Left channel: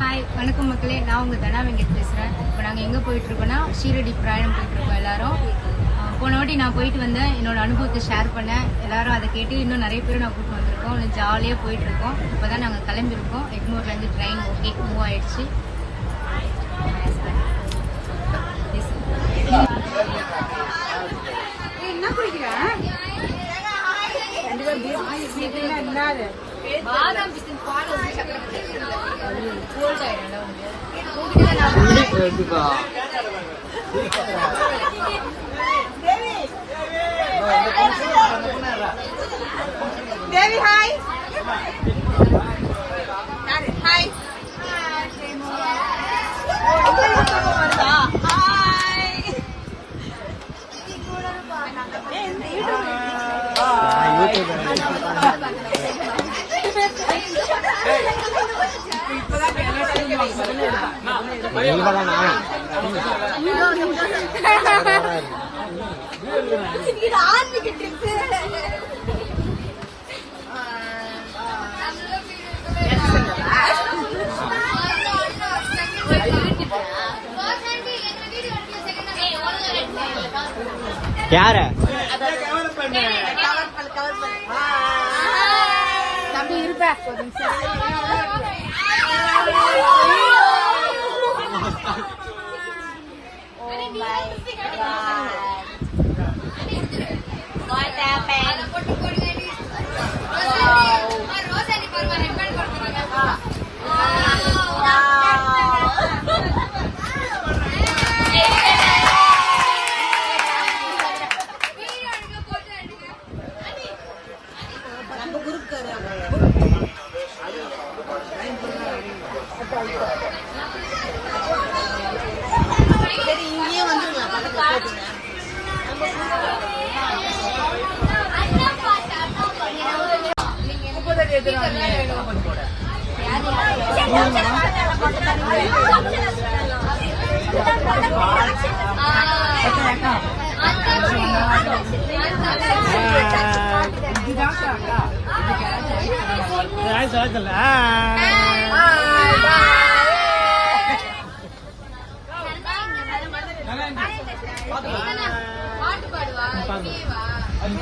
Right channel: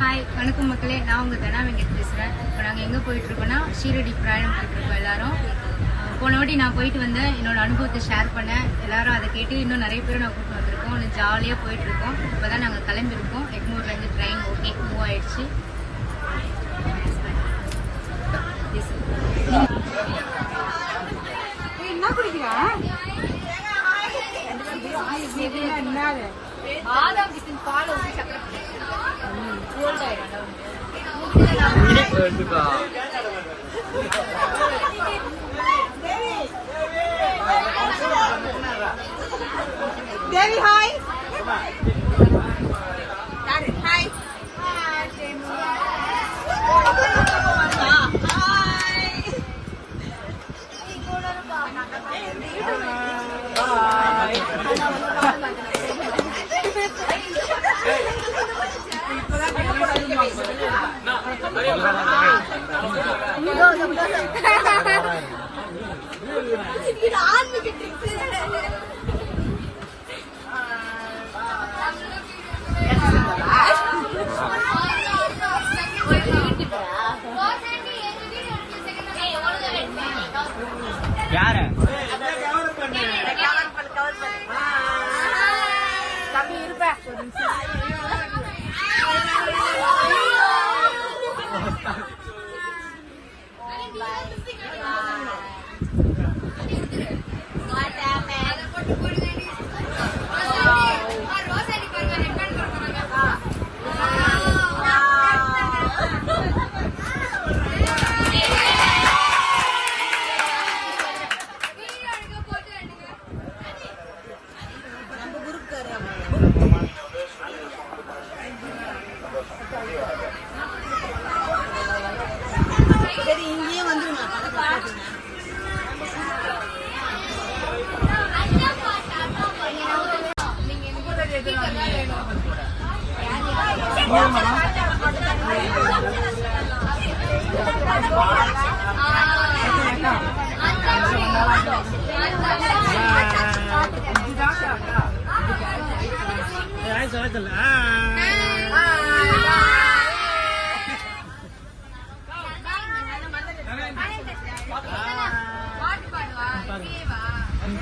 Hi, வணக்கம் மக்களே. நான் உங்கள் தனா வெங்கட் பேசுகிறேன். இப்போ நாங்கள் எங்கே போயிட்டுருக்கோன்னா ஷீரடி பிரயாணம் போயிட்டுருக்கோம் எல்லாரும். போன வாட்டி நான் போயிட்டு வந்தேன், என்னோட அனுபவத்தை ஷேர் பண்ணேன். எல்லாரும் அதை கேட்டு இன்னும் நிறைய பேரும் நான் கூப்பிட்டு வந்திருக்கோம். இன்னும் ஜாலியாக போயிட்டுருக்கோம். இப்போ தான் நாங்கள் கிளம்பியிருக்கோம். எக்மூர்லேருந்து ட்ரெயின் ஓகே மூவ் ஆயிடுச்சு. என்ன குடிக்கிறேன்? பாதாம் பிசின் பால் ஊற்றி சக்கரை போட்டு கோல்ட் ஆயிடும். தேவி ஹாய் ஹாய் யார தம்பி இருப்பேன்.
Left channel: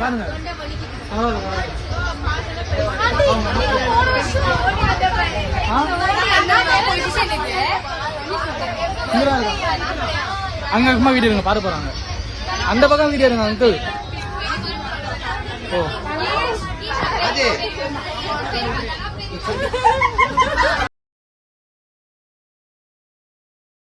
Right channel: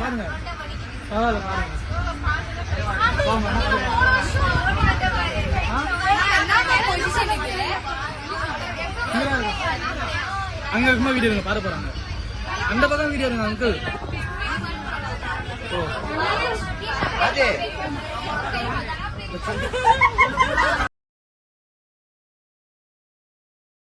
பாருங்க அங்க சும்மா வீடு இருங்க, பாரு போறாங்க. அந்த பக்கம் வீடு இருங்க அங்கிள். ஓ